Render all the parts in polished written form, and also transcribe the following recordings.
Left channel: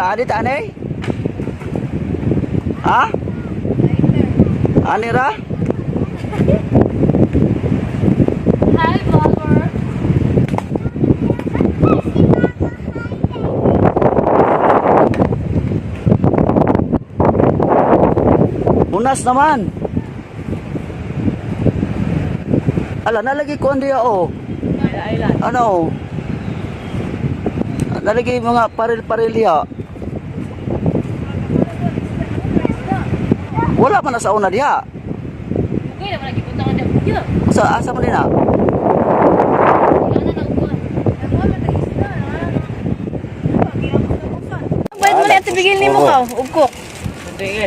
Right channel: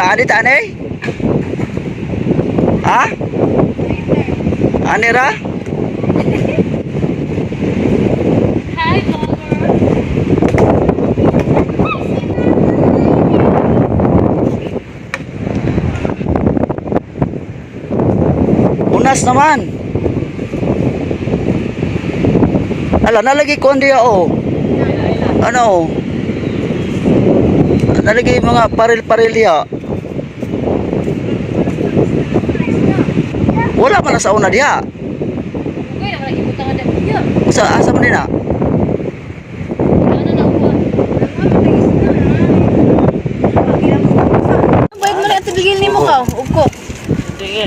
Wala anit ane? Ha? Anira? Hi, vlogger. Unas naman. Ala, nalagi ko diya oh. Ano? Nalagi mga paril-paril diya. Wala man na sa una diya. Kuya, wala ibutan ka dyan. Sa asa man din na? Bayad mo na ito bigil ni mo ka. Ugko.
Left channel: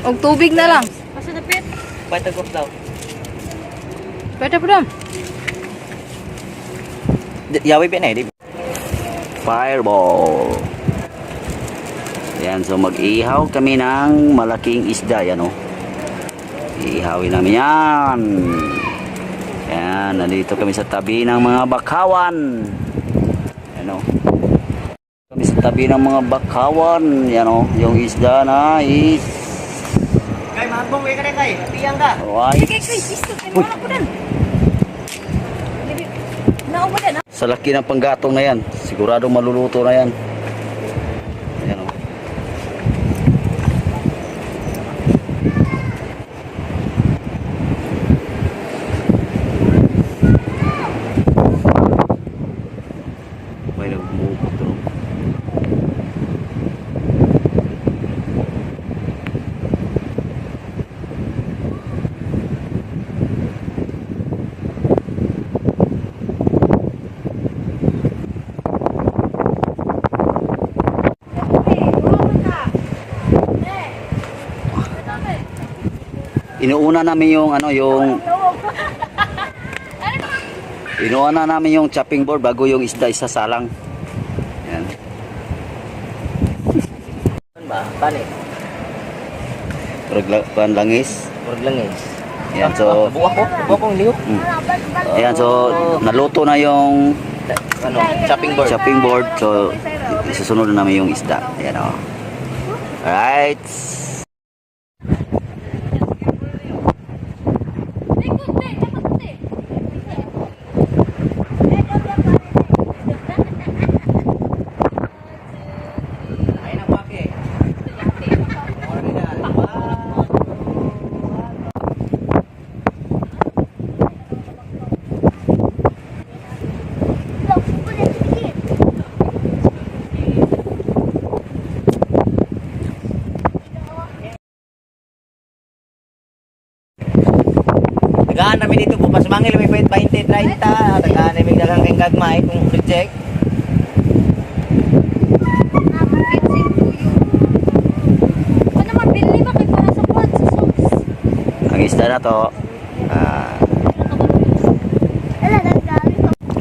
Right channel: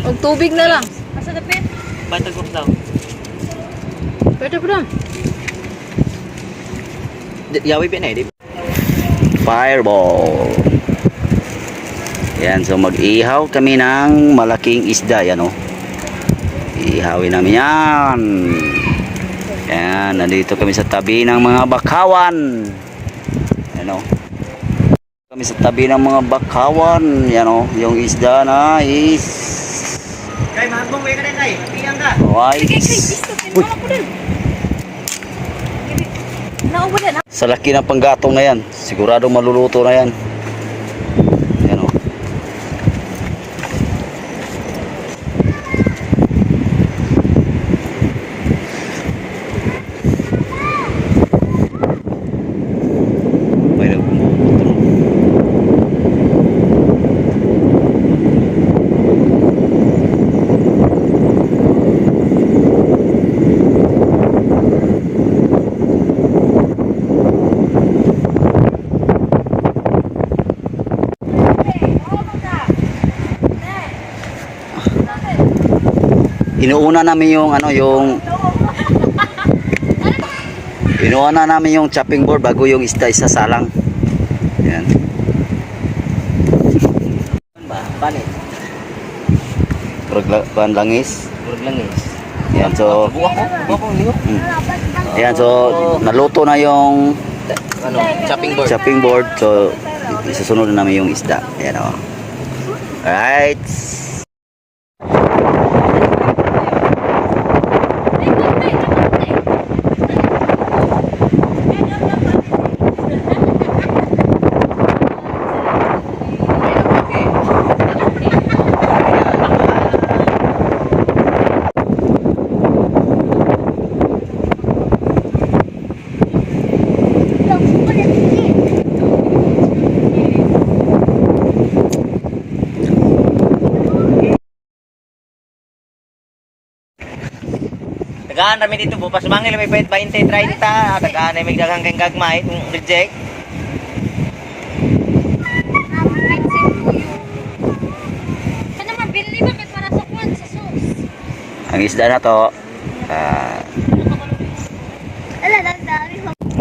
Og tubig na lang. Asa dapit? Patagok daw. Pwede po dam. Yawi pa na eh. Fireball. Yan, so mag-ihaw kami ng malaking isda. Yan o. Ihawin namin yan. Yan, nandito kami sa tabi ng mga bakawan. Yan o. Kami sa tabi ng mga bakawan. Yan o, yung isda na is Kay, magbong way ka rin kay. Tiyang ka. white. Uy, sa laki ng panggatong na yan, siguradong maluluto na yan. Yan o. May nagbumubuto. Inuuna namin yung ano yung inuuna namin yung chopping board bago yung isda isasalang. Yan. Ba, balik. Langis. Langis. Yan, so Buwa ko liyo. ayan, so naluto na yung Ano, chopping board. chopping board. So isusunod na namin yung isda. Ayan o. Alright. Tagaan kami dito po. Pasumangil may 20, 30. Tagaan may dagang kang gagmay. Kung reject. Ano mabili ba kay para sa pod sa sauce? Ang isda na to.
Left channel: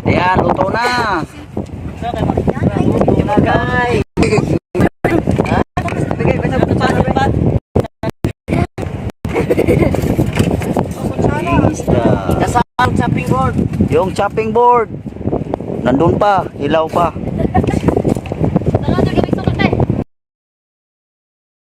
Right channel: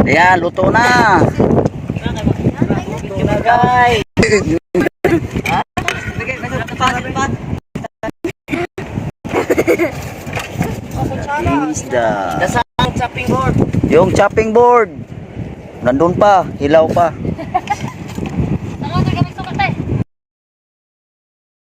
Ayan, luto na. Nagay. Ha? Bigay ka sa pasok pa. Yung isda. Dasang chopping board. Yung chopping board. Nandun pa, hilaw pa.